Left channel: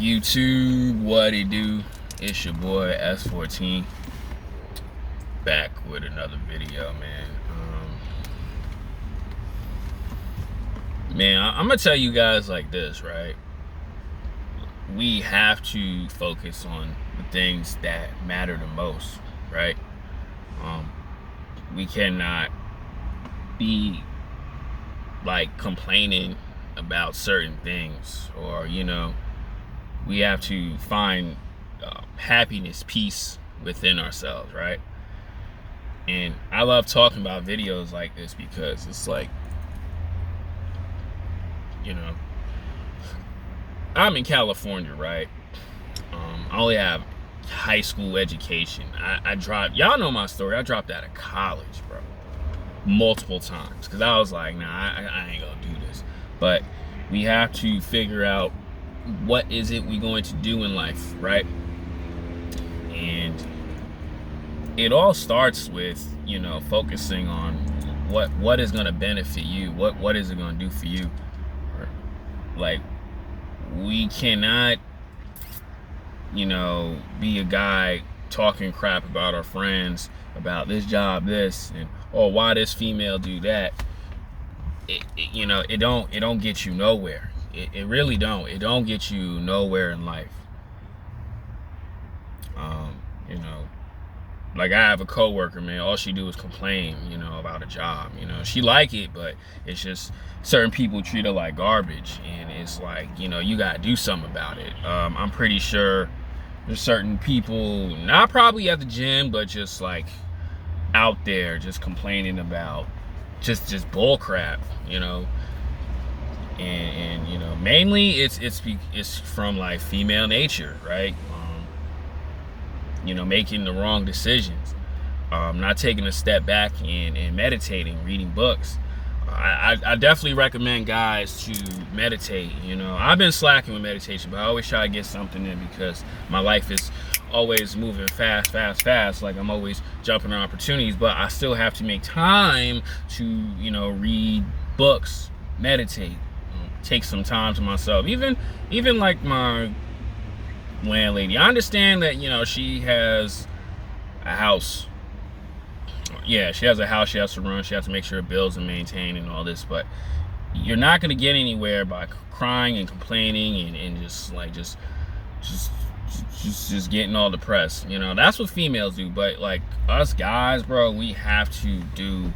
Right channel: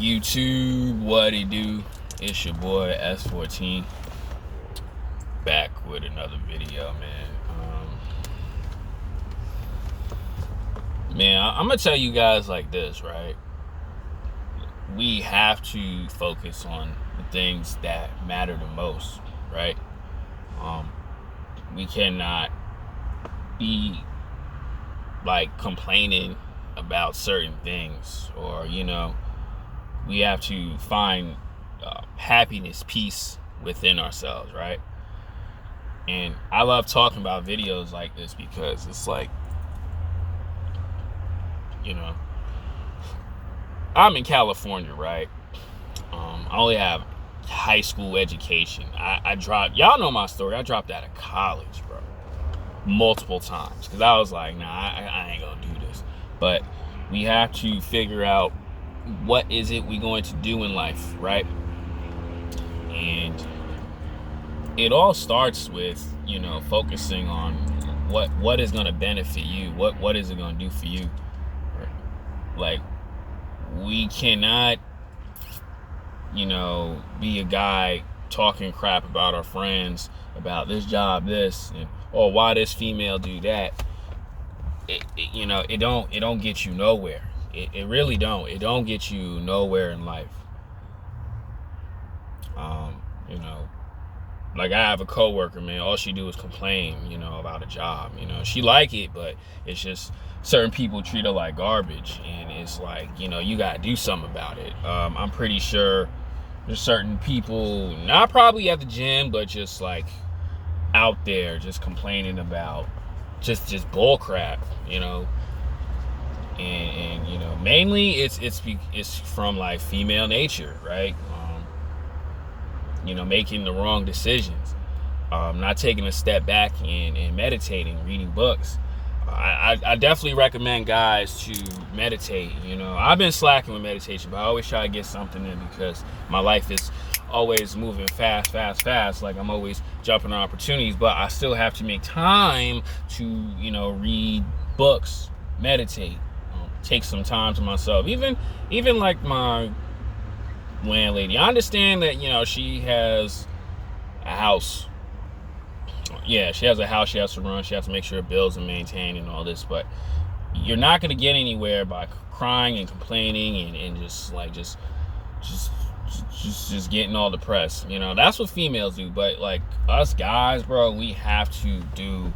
YouTube, what it do? It's your boy S14 back with another video, man. I'm gonna tell you guys like this, right? We have to focus on the things that matter the most, right? We cannot be like complaining about certain things, or we have to find happiness, peace within ourselves, right? And I love talking about videos like this because it's like, I'm in California, right? I only have high school education. I dropped, y'all know my story, I dropped out of college, bro, multiple times, because I was like, nah, I ain't gonna do this. But we have to figure out what is it we going to do in life, right? And it all starts with focusing on what is going to benefit you, what is it going to do for you. Like, we cannot be a guy talking crap about our friends about this job, this, and why this female do that. It don't get you nowhere. It really don't. It don't get you nowhere in life. Like, I have a coworker, man, all she do is complain, about a job. She like it, but it's just certain people treat her like garbage, and it's like, you gotta do something about it. I'm pretty sure there's certain people, not probably at the gym, but just like out there just complaining about just bull crap, and mainly it's from like female nature, right? Making the wrong decisions, not taking a step back and meditating, reading books. I definitely recommend guys to meditate. I've been slacking with meditation, but I always try to get something in because my life is always moving fast. Like, I'm always jumping on opportunities, but I still have to make time to, read books, meditate, take some time to myself. Even like my landlady, I understand that, she has a house. Yeah, she has a house she has to run. She has to make sure her bills are maintained and all this, but you're not going to get anywhere by crying and complaining and just getting all depressed. That's what females do. But like us guys, bro, we have to do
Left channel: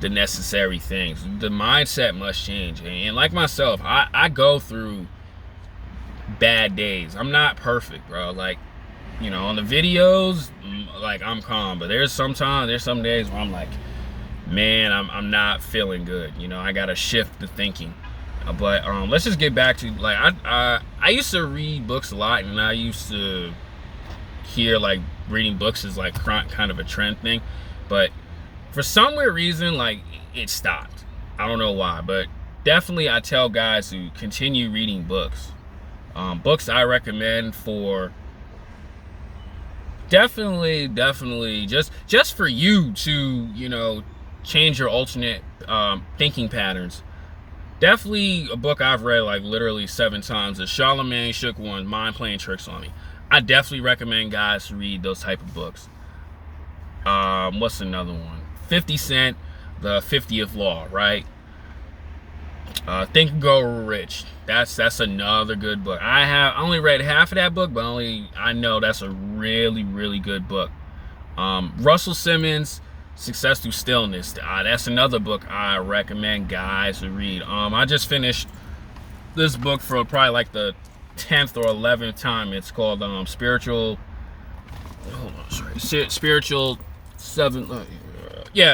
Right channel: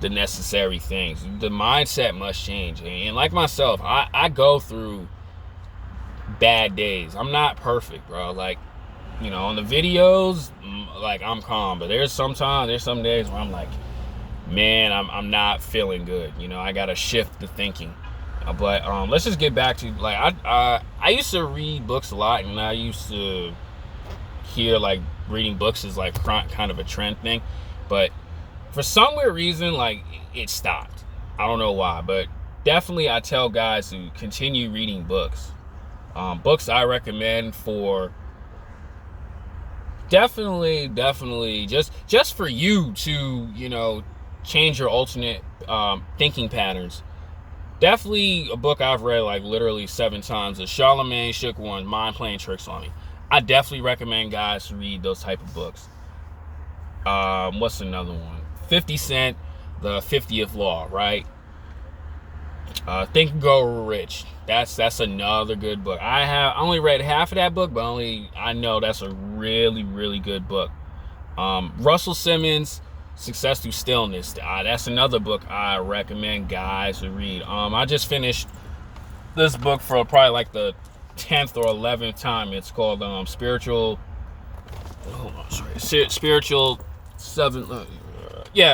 the necessary things. The mindset must change. And like myself, I go through bad days. I'm not perfect, bro. Like, on the videos, like, I'm calm, but there's some days where I'm like, man, I'm not feeling good. I gotta shift the thinking. But let's just get back to, like, I used to read books a lot, and I used to hear like reading books is like kind of a trend thing, but for some weird reason, like, it stopped. I don't know why, but definitely I tell guys to continue reading books. Books I recommend for definitely just for you to change your alternate thinking patterns. Definitely a book I've read like literally 7 times is Charlemagne Shook One, Mind Playing Tricks on Me. I definitely recommend guys to read those type of books. What's another one? 50 Cent, The 50th Law, right? Think and Grow Rich. That's another good book. I only read half of that book, but I know that's a really good book. Russell Simmons, Success Through Stillness. That's another book I recommend guys to read. I just finished this book for probably like the 10th or 11th time. It's called Spiritual. Hold on, sorry. Spiritual Seven.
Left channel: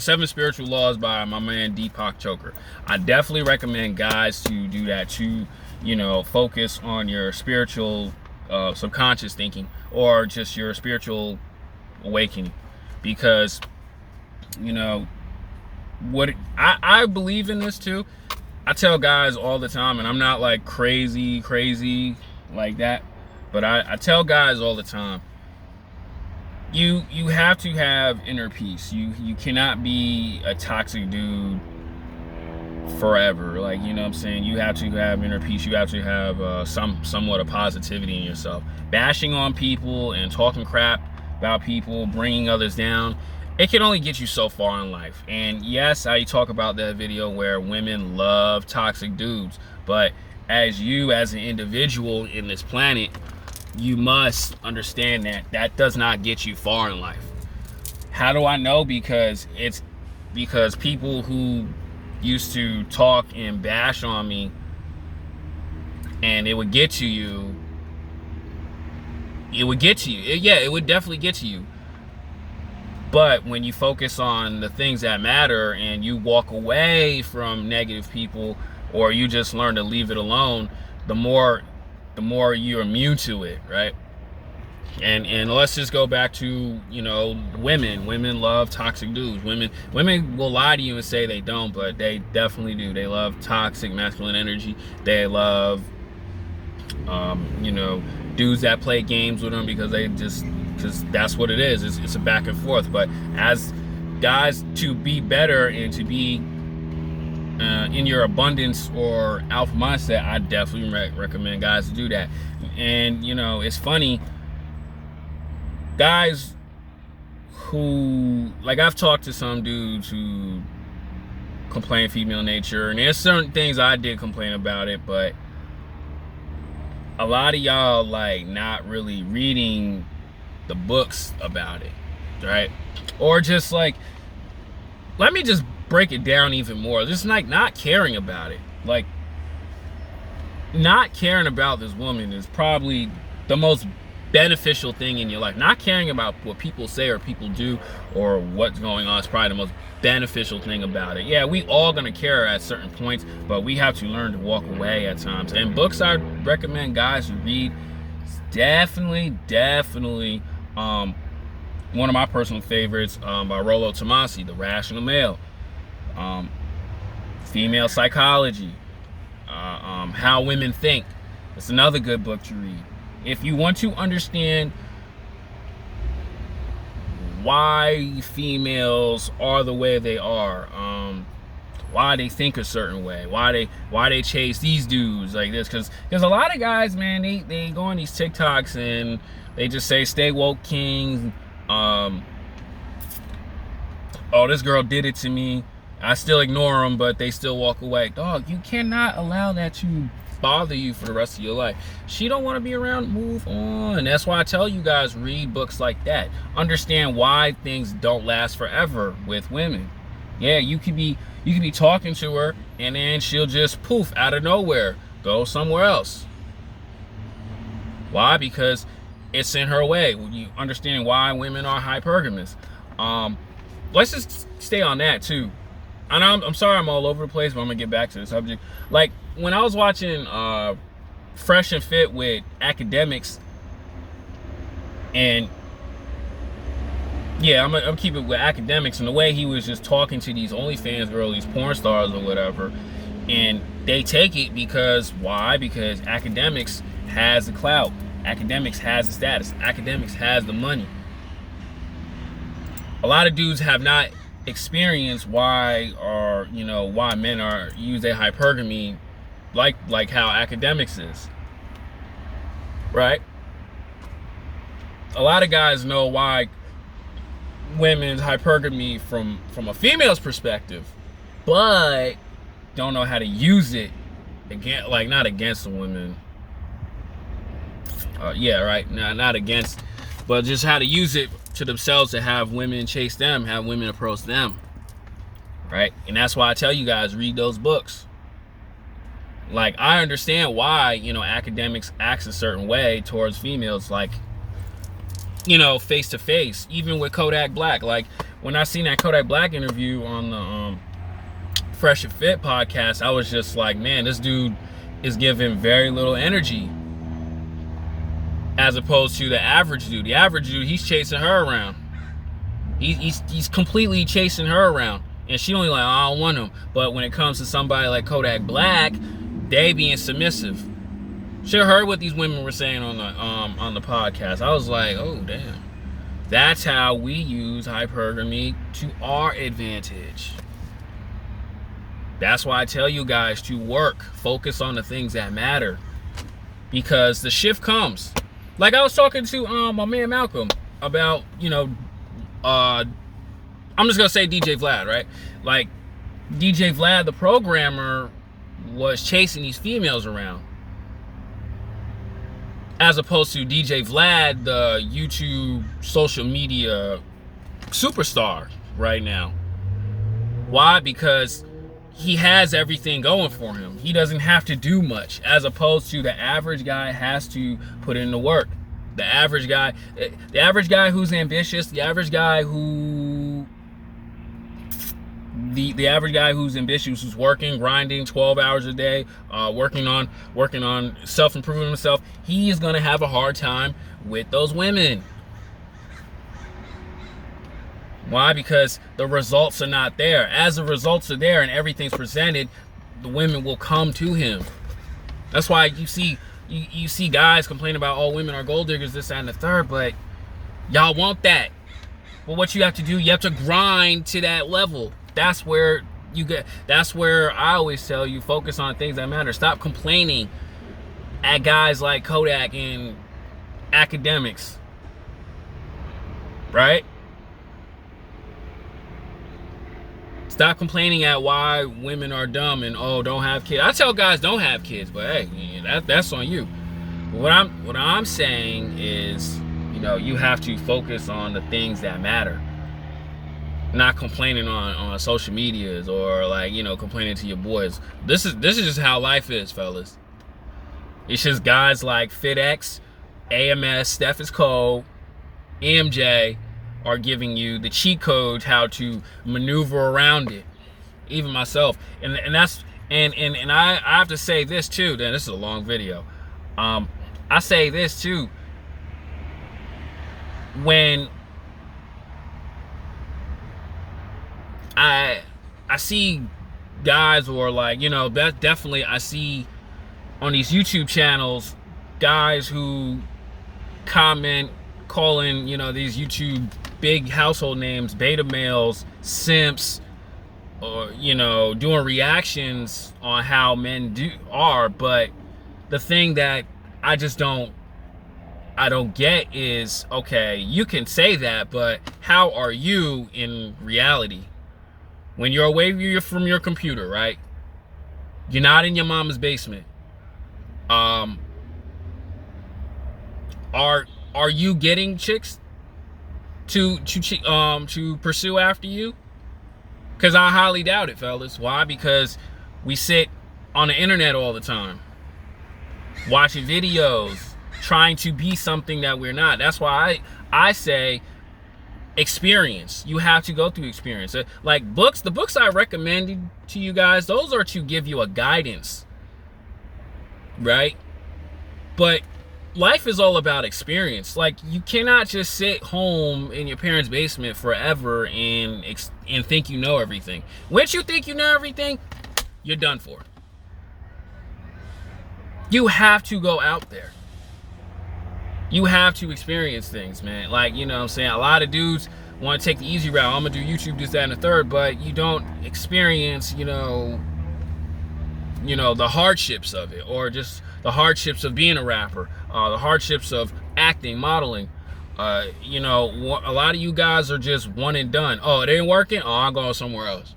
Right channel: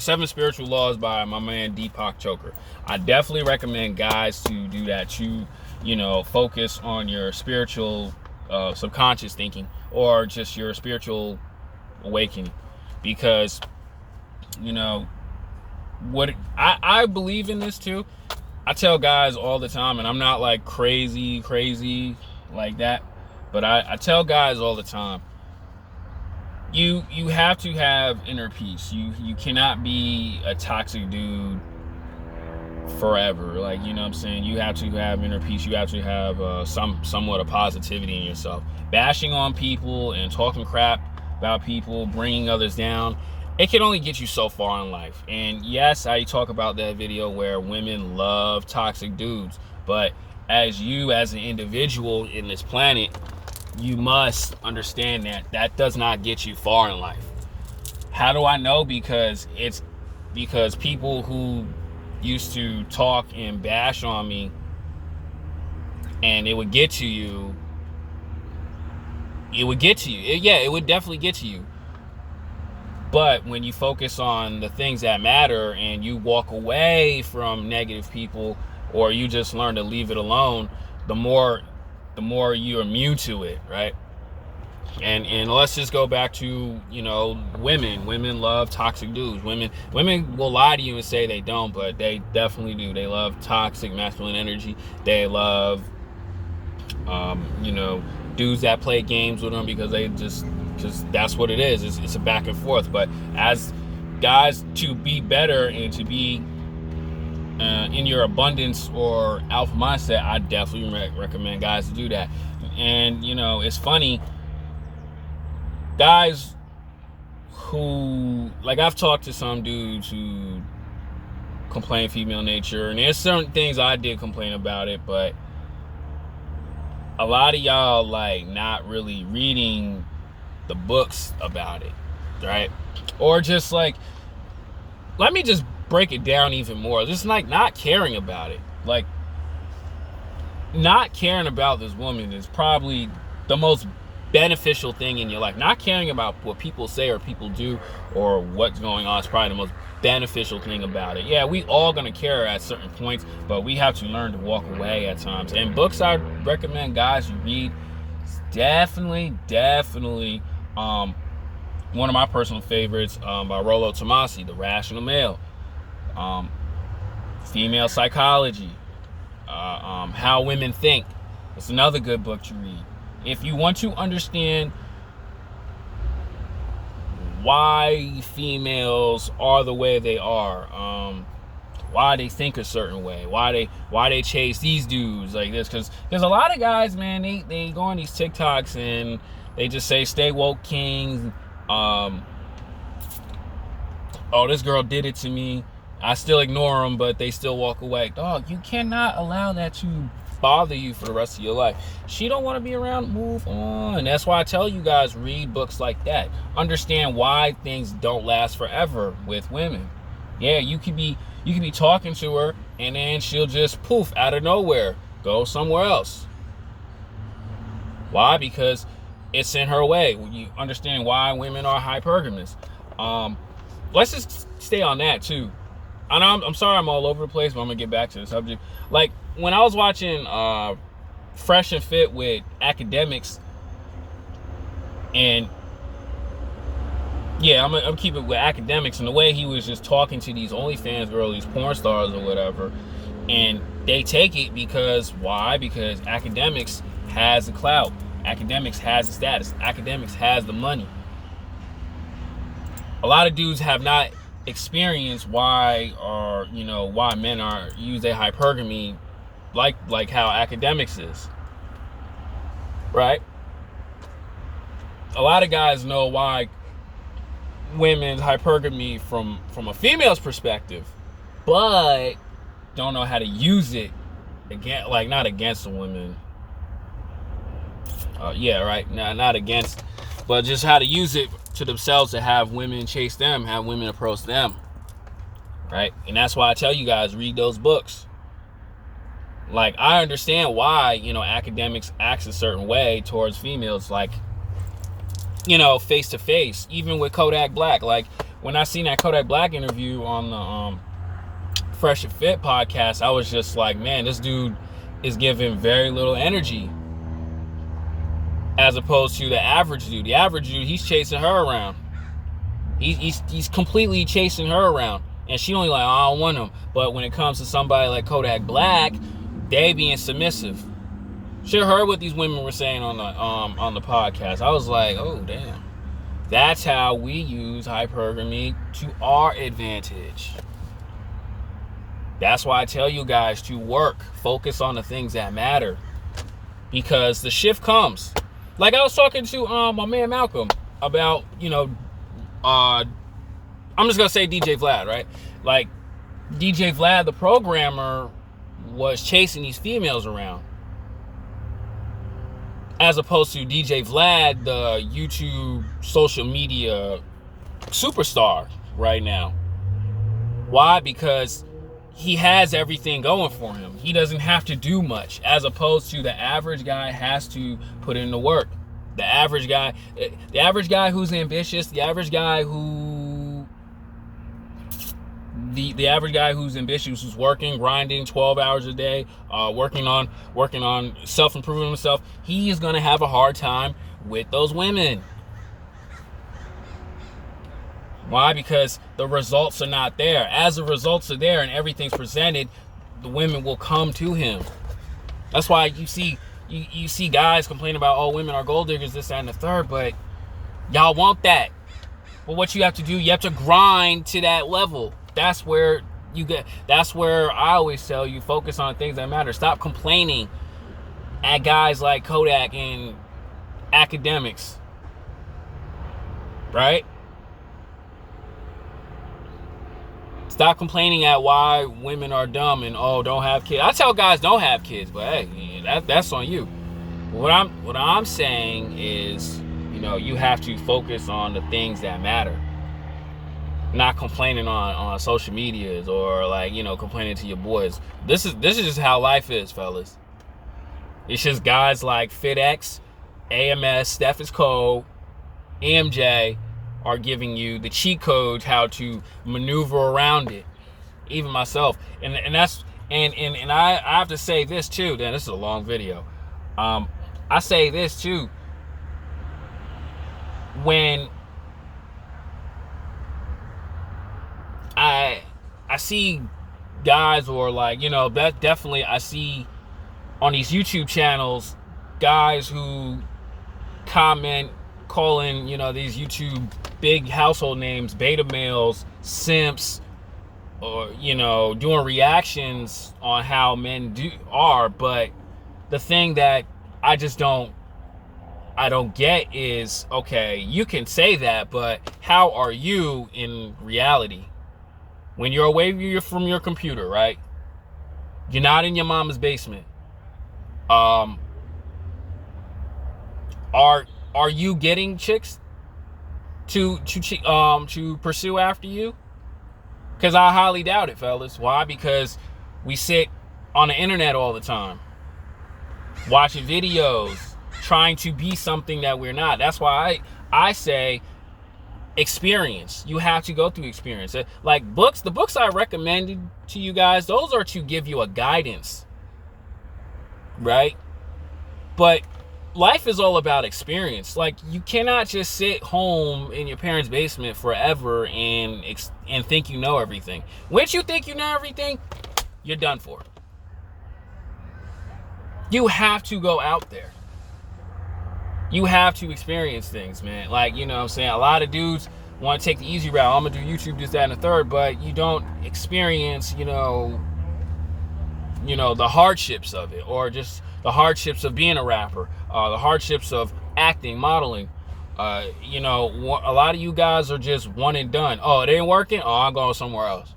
Seven Spiritual Laws by my man Deepak Chopra. I definitely recommend guys to do that, to focus on your spiritual subconscious thinking, or just your spiritual awakening, because what I believe in this too. I tell guys all the time, and I'm not like crazy like that, but I tell guys all the time, you have to have inner peace. You cannot be a toxic dude forever. Like, you know what I'm saying? You have to have inner peace. You have to have somewhat of positivity in yourself. Bashing on people and talking crap about people, bringing others down, it can only get you so far in life. And yes, I talk about that video where women love toxic dudes, but as an individual in this planet, you must understand that that does not get you far in life. How do I know? Because people who used to talk and bash on me, and it would get to you. It would get to you. Yeah, it would definitely get to you. But when you focus on the things that matter and you walk away from negative people, or you just learn to leave it alone, the more you're immune to it, right? And let's just go back to, women love toxic dudes. Women will lie to you and say they don't, but they definitely do. They love toxic masculine energy. They love dudes that play games with them because that's what it is. It's a back and forth. But as guys, to be better and to be in your abundance or alpha mindset, I definitely recommend guys to do that. And it's funny, guys who, like, I've talked to some dudes who complain female nature, and there's certain things I did complain about it, but a lot of y'all like not really reading the books about it, right? Or just like, let me just break it down even more. Just like not caring about it. Like, not caring about this woman is probably the most beneficial thing in your life. Not caring about what people say or people do or what's going on is probably the most beneficial thing about it. Yeah, we all gonna care at certain points, but we have to learn to walk away at times. And books I recommend guys you read, definitely one of my personal favorites, by Rollo Tomasi, The Rational Male, Female Psychology, How Women Think. It's another good book to read. If you want to understand why females are the way they are, why they think a certain way, why they chase these dudes like this, because a lot of guys, man, they go on these TikToks and they just say stay woke kings. Oh, this girl did it to me, I still ignore them, but they still walk away. Dog, you cannot allow that to bother you for the rest of your life. She don't want to be around, move on. That's why I tell you guys, read books like that. Understand why things don't last forever with women. Yeah, you could be talking to her and then she'll just poof out of nowhere, go somewhere else. Why? Because it's in her way. You understand why women are hypergamous. Let's just stay on that too. And I'm sorry I'm all over the place, but I'm gonna get back to the subject. Like, when I was watching Fresh and Fit with Academics, and yeah, I'm keep it with Academics, and the way he was just talking to these OnlyFans girls, these porn stars or whatever, and they take it because, why? Because Academics has the clout, Academics has the status, Academics has the money. A lot of dudes have not experienced why men use their hypergamy like how Academics is, right? A lot of guys know why women's hypergamy from a female's perspective, but don't know how to use it again, like not against the women. Not against, but just how to use it to themselves to have women chase them, have women approach them, right? And that's why I tell you guys, read those books. Like, I understand why, Academics acts a certain way towards females, like, face to face, even with Kodak Black. Like, when I seen that Kodak Black interview on the Fresh and Fit podcast, I was just like, man, this dude is giving very little energy, as opposed to the average dude. The average dude, he's chasing her around. He's completely chasing her around, and she only like, oh, I don't want him. But when it comes to somebody like Kodak Black, they being submissive. Should have heard what these women were saying on the podcast. I was like, oh damn, that's how we use hypergamy to our advantage. That's why I tell you guys to work, focus on the things that matter, because the shift comes. Like I was talking to my man Malcolm about, I'm just gonna say DJ Vlad, right? Like DJ Vlad, the programmer, was chasing these females around, as opposed to DJ Vlad, the YouTube social media superstar right now. Why? Because he has everything going for him. He doesn't have to do much, as opposed to the average guy has to put in the work. The average guy who's ambitious, the average guy who's ambitious, who's working, grinding 12 hours a day, working on self-improving himself, he is going to have a hard time with those women. Why? Because the results are not there. As the results are there and everything's presented, the women will come to him. That's why you see guys complain about, oh, women are gold diggers, this, that, and the third, but y'all want that. But what you have to do, you have to grind to that level. That's where I always tell you, focus on things that matter. Stop complaining at guys like Kodak and academics. Right? Stop complaining at why women are dumb and, oh, don't have kids. I tell guys don't have kids, but hey, that's on you. But what I'm saying is, you have to focus on the things that matter. Not complaining on social medias or complaining to your boys. This is just how life is, fellas. It's just guys like FitX, AMS, Steph is Cold, EMJ are giving you the cheat codes how to maneuver around it. Even myself, and I have to say this too. Then this is a long video. I say this too. When I see guys, or that definitely I see on these YouTube channels, guys who comment calling these YouTube big household names beta males, simps, or doing reactions on how men are. But the thing that I don't get is, okay, you can say that, but how are you in reality? When you're away from your computer, right? You're not in your mama's basement. Are you getting chicks to pursue after you? Because I highly doubt it, fellas. Why? Because we sit on the internet all the time, watching videos, trying to be something that we're not. That's why I say experience. You have to go through experience. Like books, the books I recommended to you guys, those are to give you a guidance, right? But life is all about experience. Like, you cannot just sit home in your parents' basement forever and think you know everything. Once you think you know everything, you're done for. You have to go out there. You have to experience things, man. Like, what I'm saying? A lot of dudes want to take the easy route. I'm going to do YouTube, this, that, and the third, but you don't experience, the hardships of it, or just the hardships of being a rapper, the hardships of acting, modeling. A lot of you guys are just one and done. Oh, it ain't working? Oh, I'm going somewhere else.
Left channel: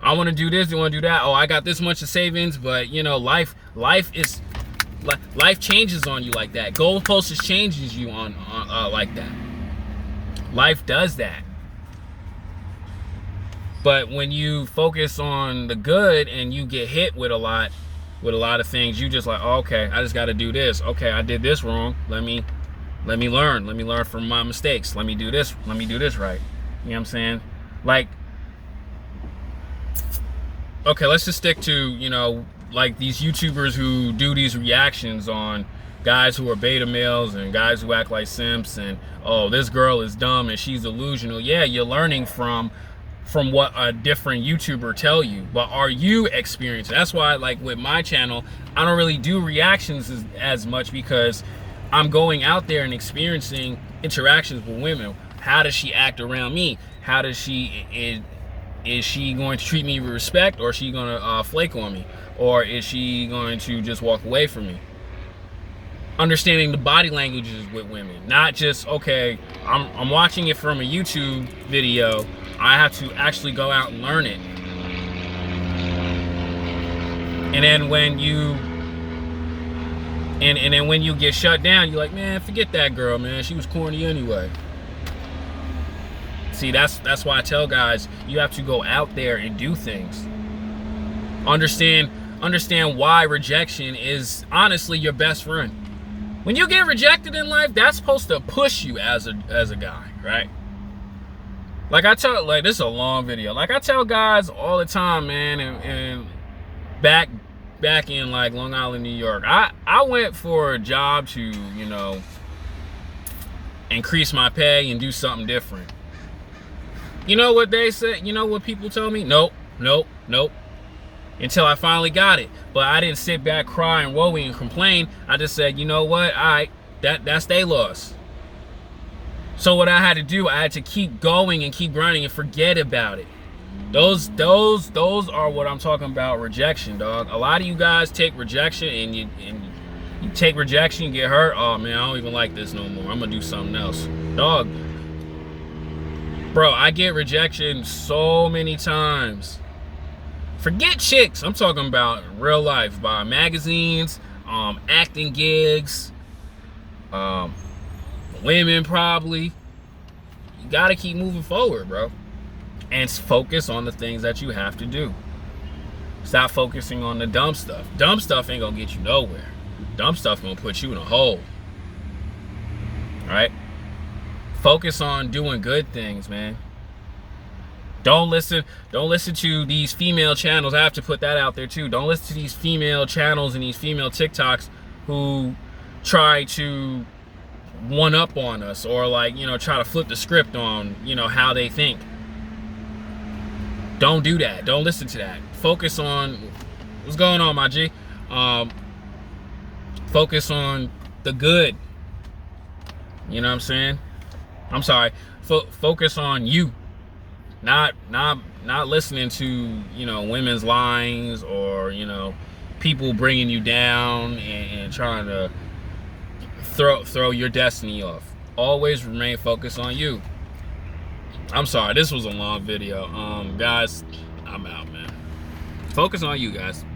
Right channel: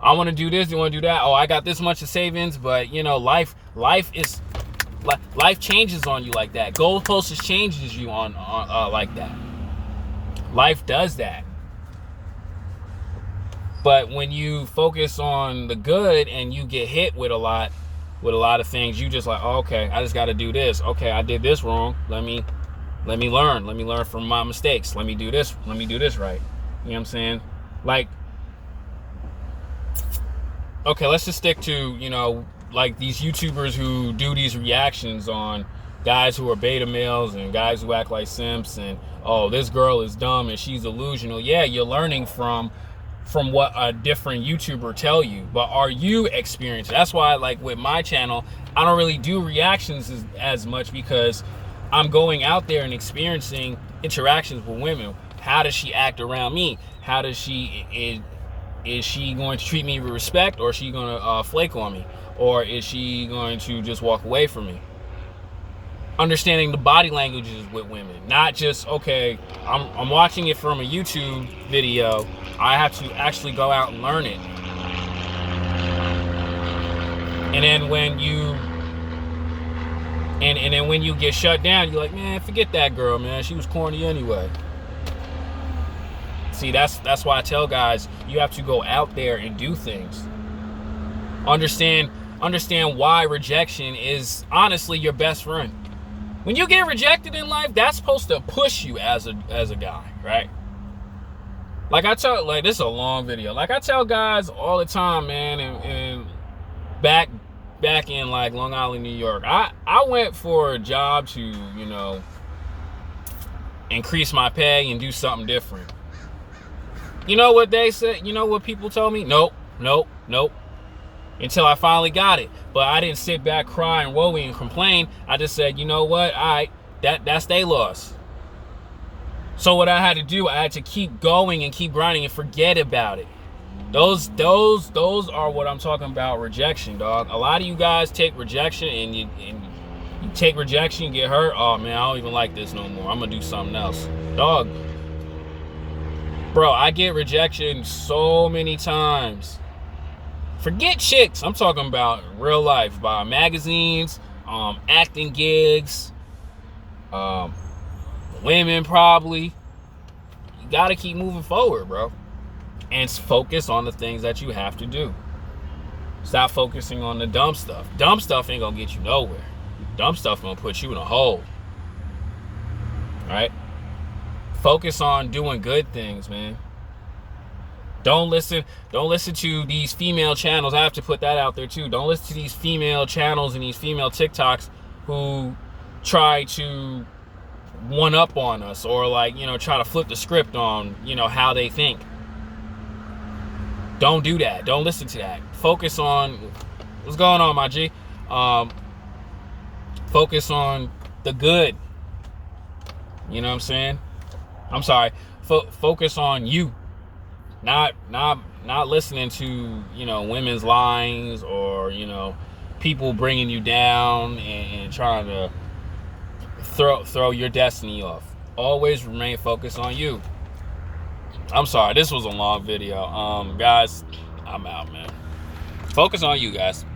I want to do this, I want to do that. Oh, I got this much of savings, but life changes on you like that. Goalposts changes you on like that. Life does that. But when you focus on the good and you get hit with a lot of things, you just like, oh, okay, I just got to do this. Okay, I did this wrong. Let me learn. Let me learn from my mistakes. Let me do this. Let me do this right. You know what I'm saying? Like, okay, let's just stick to, like these YouTubers who do these reactions on guys who are beta males and guys who act like simps, and, oh, this girl is dumb and she's delusional. Yeah, you're learning from what a different YouTuber tell you, but are you experienced? That's why, like with my channel, I don't really do reactions as much, because I'm going out there and experiencing interactions with women. How does she act around me? How does she Is she going to treat me with respect, or is she going to flake on me, or is she going to just walk away from me? Understanding the body languages with women, not just, okay, I'm watching it from a YouTube video. I have to actually go out and learn it. And then when you and then when you get shut down, you're like, man, forget that girl, man. She was corny anyway. See, that's why I tell guys, you have to go out there and do things. Understand why rejection is honestly your best friend. When you get rejected in life, that's supposed to push you as a guy, right? Like this is a long video. Like I tell guys all the time, man, and back in like Long Island, New York, I went for a job to, increase my pay and do something different. You know what they said? You know what people told me? Nope. Until I finally got it. But I didn't sit back, cry, and woe and complain. I just said, you know what? All right, that's their loss. So what I had to do, I had to keep going and keep grinding and forget about it. Those are what I'm talking about, rejection, dog. A lot of you guys take rejection and you take rejection, you get hurt. Oh man, I don't even like this no more. I'm gonna do something else. Dog. Bro, I get rejection so many times. Forget chicks. I'm talking about real life, by magazines, acting gigs, women probably. You gotta keep moving forward, bro. And focus on the things that you have to do. Stop focusing on the dumb stuff. Dumb stuff ain't gonna get you nowhere. Dumb stuff gonna put you in a hole. Right? Focus on doing good things, man. Don't listen to these female channels. I have to put that out there too. Don't listen to these female channels and these female TikToks who try to one up on us, or try to flip the script on, how they think. Don't do that. Don't listen to that. Focus on what's going on, my G. Focus on the good. You know what I'm saying? I'm sorry. Focus on you. Not listening to, women's lines, or, people bringing you down and trying to throw your destiny off. Always remain focused on you. I'm sorry, this was a long video. Guys, I'm out, man. Focus on you guys.